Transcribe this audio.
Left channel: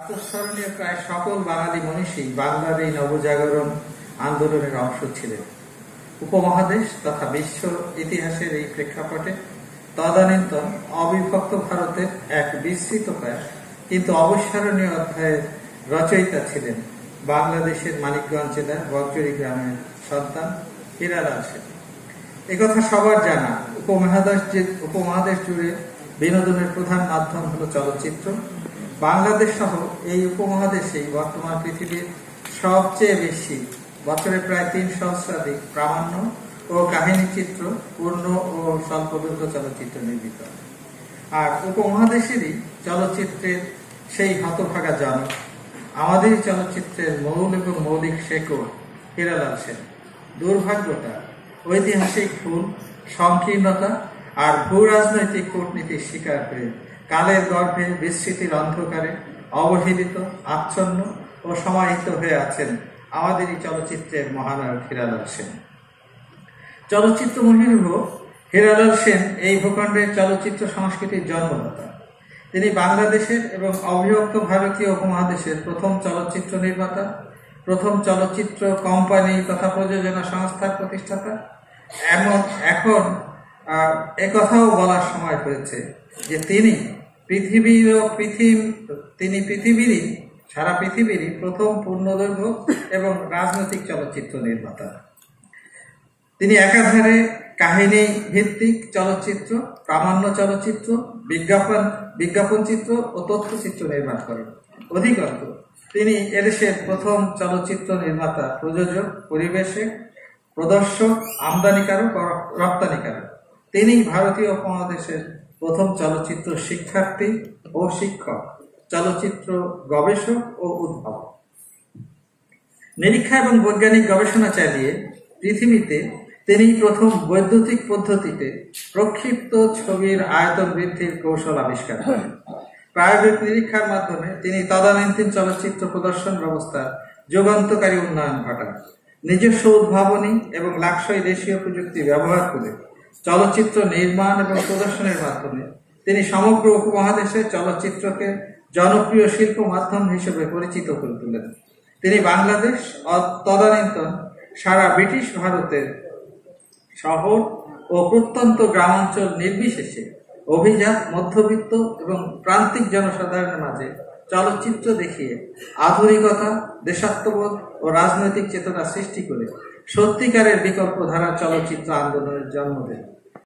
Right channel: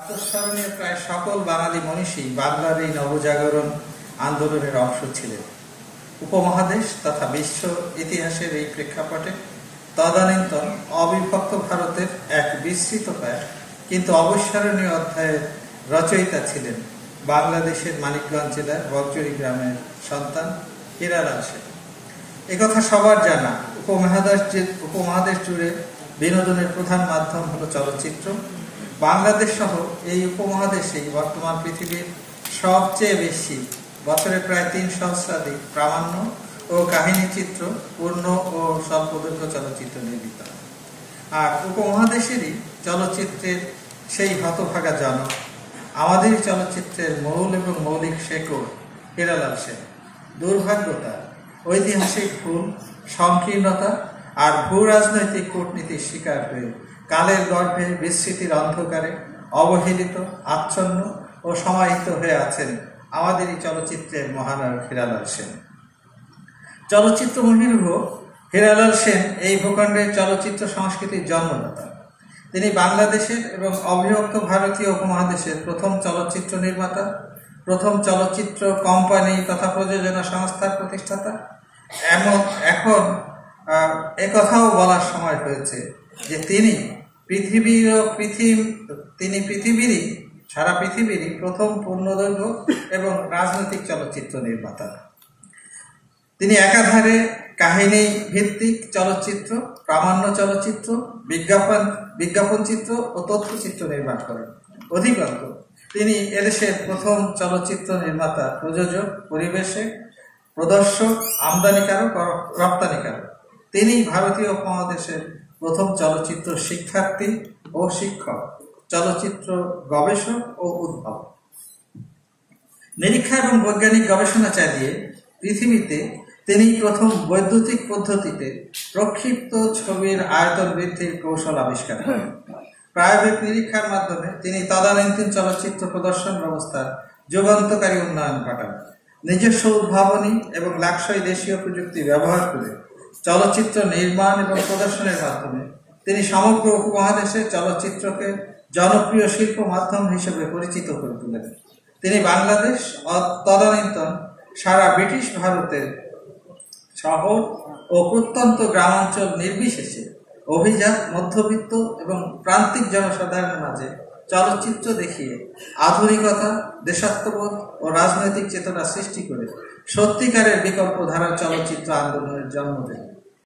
প্রাতঃস্মরণীয় প্রায় সকল বাঙালি মনীষী বাংলার এই নবজাগরণ আন্দোলনের অংশ ছিলেন। উপমহাদেশ তথা বিশ্ব ইতিহাসের এই প্রেক্ষাপটে তদানীন্তন অবিভক্ত ভারতের এক বিস্তৃতকায় কিন্তু অবিস্মরণীয় অধ্যায়ের রচয়িতা ছিলেন বাংলাদেশের মানিকগঞ্জ জেলার বগজুড়ি গ্রামের সন্তান হীরালাল সেন। একথা সবার জানা। উপমহাদেশ জুড়ে বিনোদনের প্রধান মাধ্যম হলো চলচ্চিত্র। বাংলাদেশ সহ এই উপমহাদেশেই বর্তমান পৃথিবীর সবচেয়ে বেশি বছরে প্রায় 3 সহস্রাধিক প্রামাণ্য ও কাহিনী চিত্র, পূর্ণ ও স্বল্পদৈর্ঘ্য চলচ্চিত্র নির্মিত। আর উপমহাদেশেরই চলচ্চিত্রের সেই হতভাগা জনক, আমাদের চলচ্চিত্রের মূল এবং মৌলিক শেকড় হীরালাল সেন। দুর্ভাগ্যটা ঐতিহাসিক ভুল, সংকীর্ণতা আর ভূ রাজনৈতিক কূটনীতির শিকার হয়ে কালের গর্ভে বিস্মৃতির অন্ধকারে অবহেলিত, আচ্ছন্ন ও সমাহিত হয়ে আছেন আমাদেরই চলচ্চিত্রের মহানায়ক হীরালাল সেন। চলচ্চিত্র মহিরুহ হীরালাল সেন এই ভূখণ্ডের চলচ্চিত্র সংস্কৃতির জন্মদাতা। তিনি বাংলাদেশের এবং অবিভক্ত ভারতীয় উপমহাদেশের প্রথম চলচ্চিত্র নির্মাতা, প্রথম চলচ্চিত্র কোম্পানি তথা প্রযোজনা সংস্থার প্রতিষ্ঠাতা। এখন একথাও বলার সময় হয়েছে যে তিনি সারা পৃথিবীরই প্রথম পূর্ণদৈর্ঘ্য এবং রাজনৈতিক চলচ্চিত্র নির্মাতা। তিনি একাধারে কাহিনী ভিত্তিক চলচ্চিত্র, প্রামাণ্য চলচ্চিত্র, বিজ্ঞাপন চিত্র ও তথ্যচিত্র নির্মাণ করেন। অধিকন্তু তিনি এদেশের প্রথম চলচ্চিত্র নির্মাতা, প্রযোজক, পরিবেশক, প্রদর্শক, আমদানিকারক ও রপ্তানিকারক। তিনি ভারতীয় উপমহাদেশের প্রথম চলচ্চিত্র শিক্ষার্থী ও শিক্ষক, চলচ্চিত্র গবেষক ও উদ্ভাবক। নিরীক্ষা এবং বৈজ্ঞানিক গবেষণা চালিয়ে পৃথিবীতে তিনি প্রথম বৈদ্যুতিক পদ্ধতিতে প্রক্ষিপ্ত ছবির আয়তন বৃদ্ধির কৌশল আবিষ্কার করেন। প্রায়োগিক নিরীক্ষার মাধ্যমে তিনি তদানীন্তন চলচ্চিত্র প্রদর্শন ব্যবস্থার যুগান্তকারী উন্নয়ন ঘটান। নিজস্ব উদ্ভাবনী এবং লাক্সই দেশীয় প্রযুক্তি ব্যবহার করে চলচ্চিত্র নির্মাণ এবং প্রদর্শনের মাধ্যমে তিনি সমগ্র উপমহাদেশে চলচ্চিত্রকে জনপ্রিয় শিল্প মাধ্যম হিসেবে পরিচিত করে তোলেন। তিনি বাংলাদেশ তদানীন্তন সারা ব্রিটিশ ভারতের শহর ও প্রত্যন্ত গ্রামাঞ্চল নির্বিশেষে অভিজাত, মধ্যবিত্ত এবং প্রান্তিক জনসাধারণের মাঝে চলচ্চিত্র দেখিয়ে আধুনিকতা, দেশাত্মবোধ ও রাজনৈতিক চেতনা সৃষ্টি করে সত্যিকারের বিকল্প ধারার চলচ্চিত্র আন্দোলনের জন্ম দেন।